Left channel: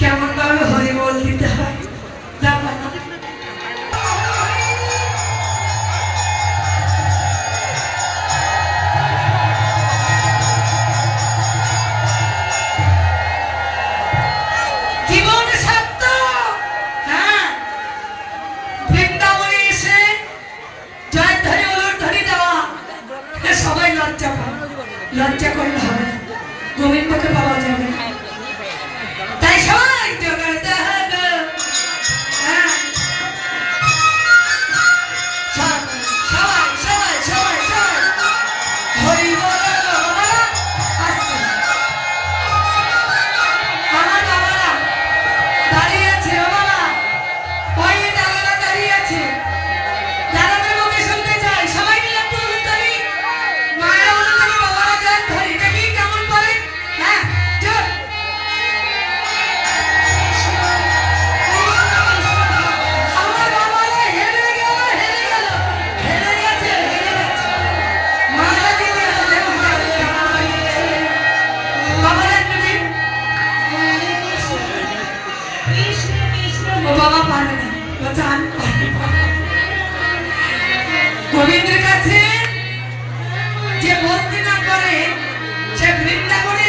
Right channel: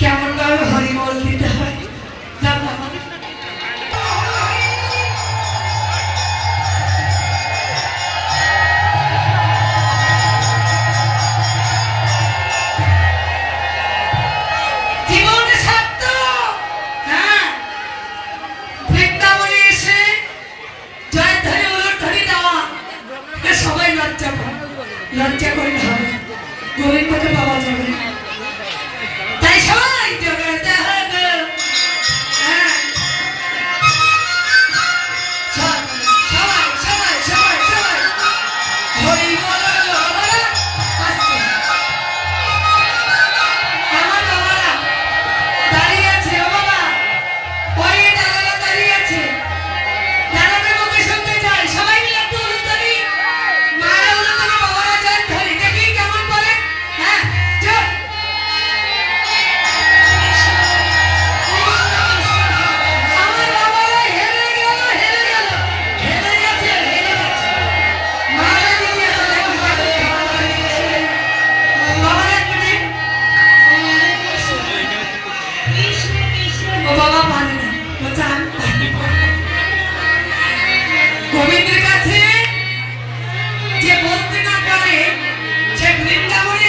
কেমন ভাবে হরি বল দিতে হয়? যা বাবা জীবন সার্থক হ্যাঁ। লজ্জা করলে হবে না। গোবিন্দকে পাওয়া যাবে বাবা মানে না। গোবিন্দের কাছে যে বলতে করে পারে সে বৃন্দাবনে